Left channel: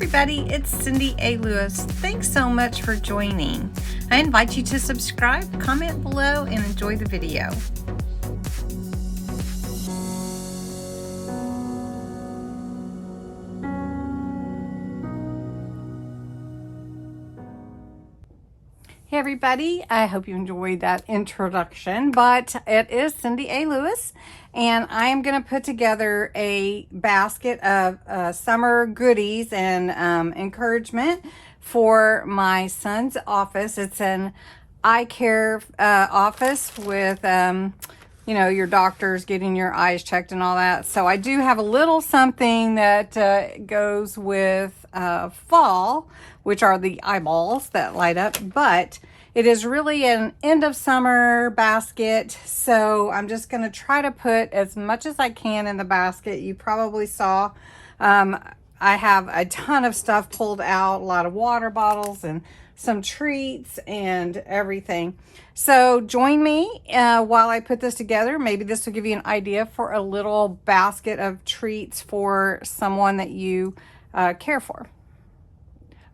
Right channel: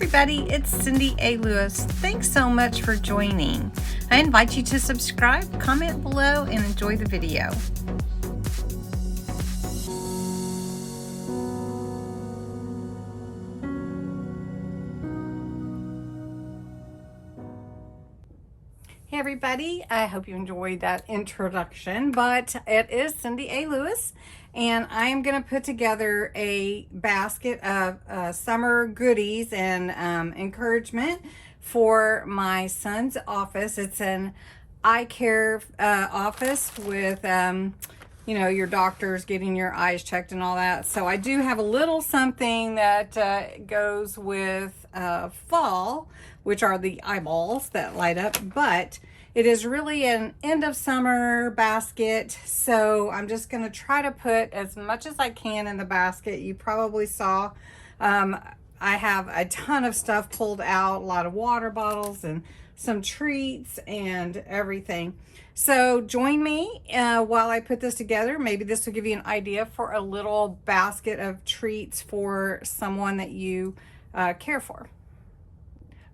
everybody, it's Cindy A. Lewis. Thanks so much for joining. I invite you to subscribe, comment below, and enjoy the video. Hey everybody, I hope you enjoyed that introduction, but it is Cindy A. Lewis, and I am going to put together a basket of summer goodies and encouragement for my son's office. It's an eye care office with, you know, your doctors getting your eyes checked and all that. So I do have a little something that goes with fall, which are the eyeballs that light up, but it is really an end of summer basket. So I'm just going to try to put as much as I can in the basket. You probably saw I have a ton of stuff pulled out, a lot of water bottles and some treats and everything. So join me while I put this together. Maybe this will give you an idea for a little basket of treats for someone that you care for.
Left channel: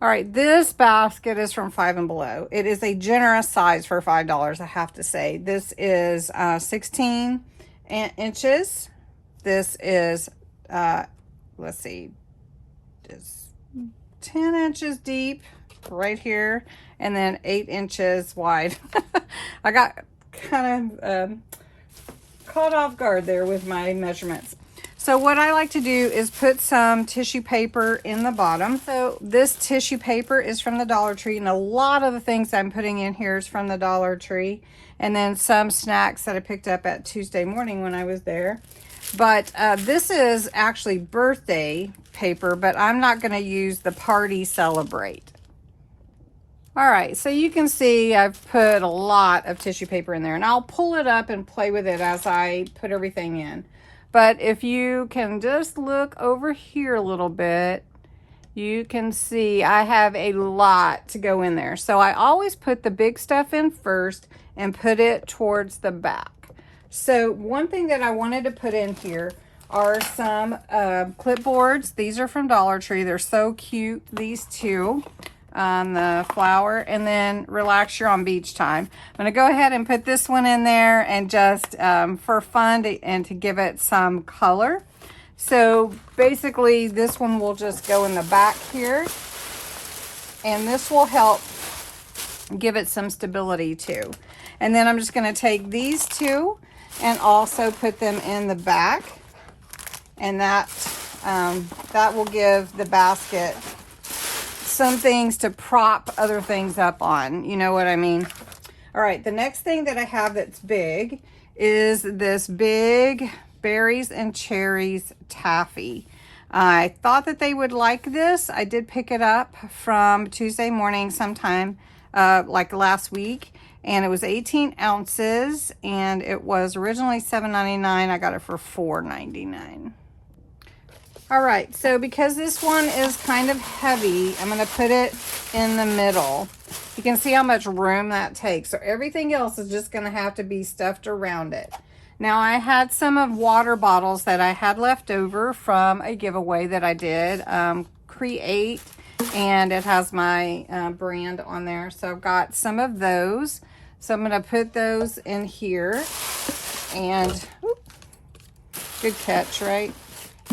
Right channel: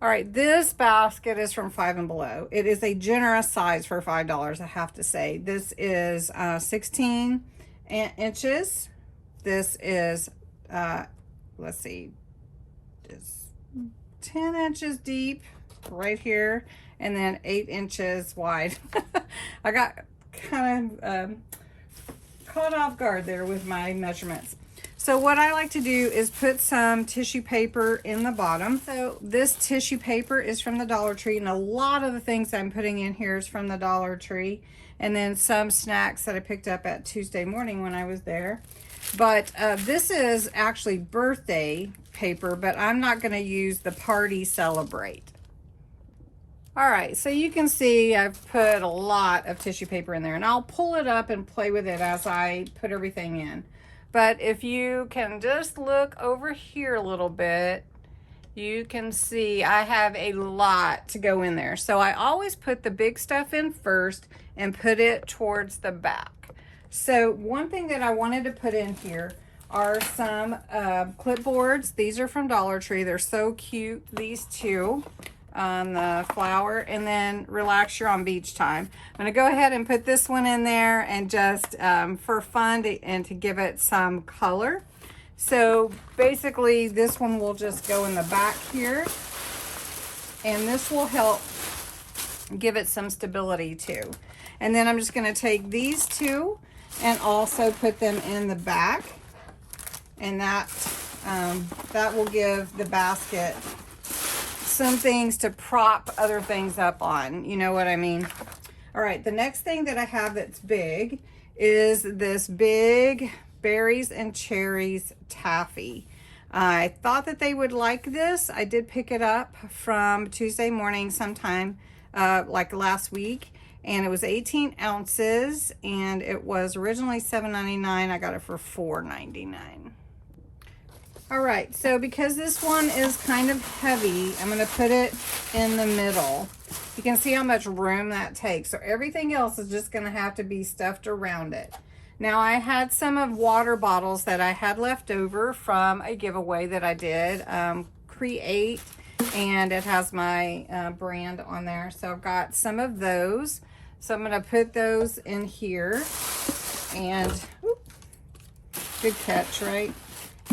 All right, this basket is from Five and Below. It is a generous size for $5, I have to say. This is 16 inches. This is, let's see, it's 10 inches deep right here, and then 8 inches wide. I got kind of caught off guard there with my measurements. So what I like to do is put some tissue paper in the bottom. So this tissue paper is from the Dollar Tree, and a lot of the things I'm putting in here is from the Dollar Tree, and then some snacks that I picked up at Tuesday morning when I was there. But this is actually birthday paper, but I'm not going to use the Party Celebrate. All right, so you can see I've put a lot of tissue paper in there, and I'll pull it up and play with it as I put everything in. But if you can just look over here a little bit, you can see I have a lot to go in there. So I always put the big stuff in first and put it towards the back. So one thing that I wanted to put in here are some clipboards. These are from Dollar Tree. They're so cute, these two. The flower, and then Relax, You're on Beach Time. I'm going to go ahead and put this one in there, and just for fun and to give it some color. So basically this one will just go in the back here, and this will help give it some stability too. And then I'm just going to take these two and also put them in the back, and that will give the basket some things to prop other things up on, you know what I mean? All right, the next thing that I have that's big is this big berries and cherries taffy. I thought that they would like this. I did pick it up from Tuesday morning sometime like last week, and it was 18 ounces, and it was originally $7.99. I got it for $4.99. All right, so because this one is kind of heavy, I'm going to put it in the middle. You can see how much room that takes. So everything else is just going to have to be stuffed around it. Now, I had some of water bottles that I had left over from a giveaway that I did, Create, and it has my brand on there. So I've got some of those. So I'm going to put those in here. And, whoop, good catch, right?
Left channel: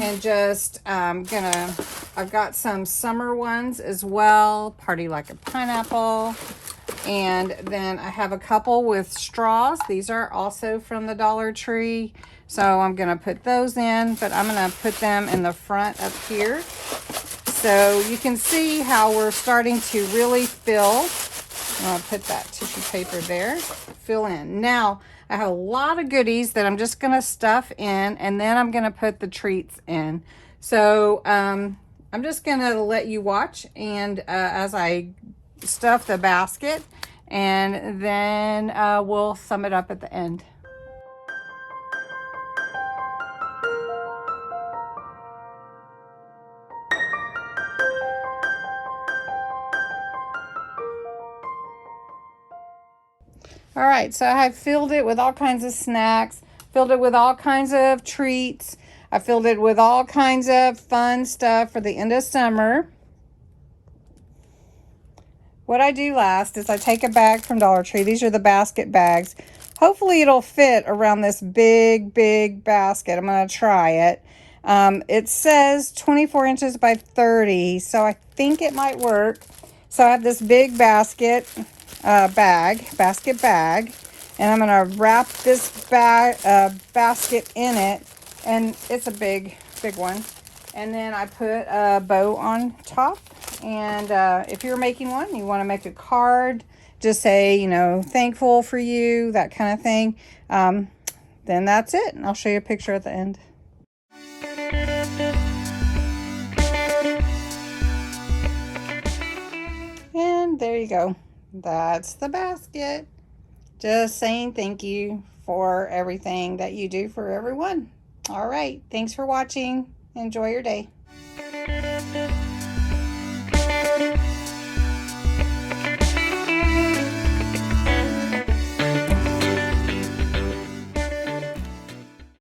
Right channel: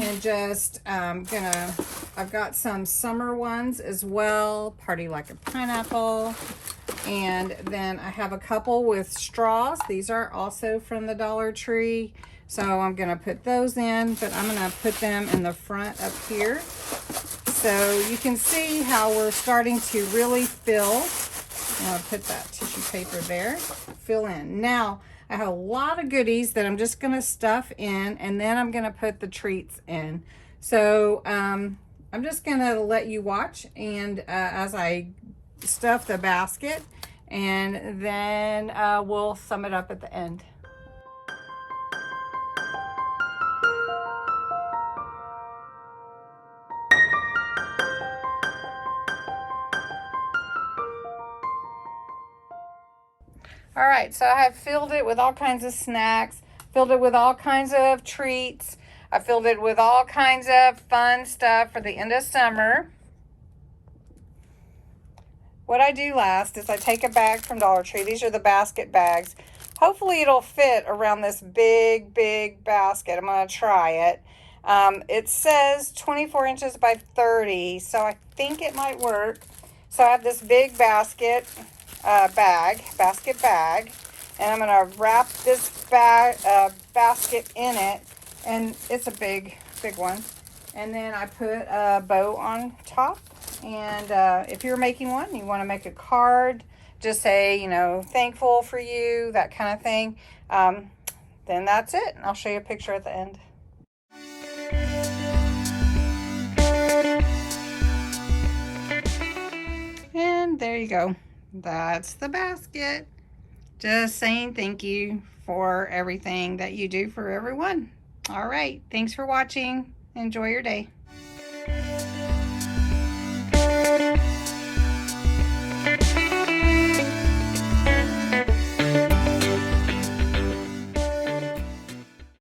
And just I've got some summer ones as well, Party Like a Pineapple, and then I have a couple with straws. These are also from the Dollar Tree, so I'm gonna put those in, but I'm gonna put them in the front up here. So you can see how we're starting to really fill. I'll put that tissue paper there, fill in. Now, I have a lot of goodies that I'm just going to stuff in, and then I'm going to put the treats in. So I'm just going to let you watch, and as I stuff the basket, and then we'll sum it up at the end. All right, so I filled it with all kinds of snacks, filled it with all kinds of treats. I filled it with all kinds of fun stuff for the end of summer. what I do last is I take a bag from Dollar Tree. These are the basket bags. Hopefully it'll fit around this big basket. I'm going to try it. It says 24 inches by 30, so I think it might work. So I have this big basket bag, and I'm going to wrap this basket in it, and it's a big one. And then I put a bow on top, and if you're making one, you want to make a card, just say, you know, thankful for you, that kind of thing. Then that's it, and I'll show you a picture at the end. And there you go. That's the basket. Just saying thank you for everything that you do for everyone. All right. Thanks for watching. Enjoy your day.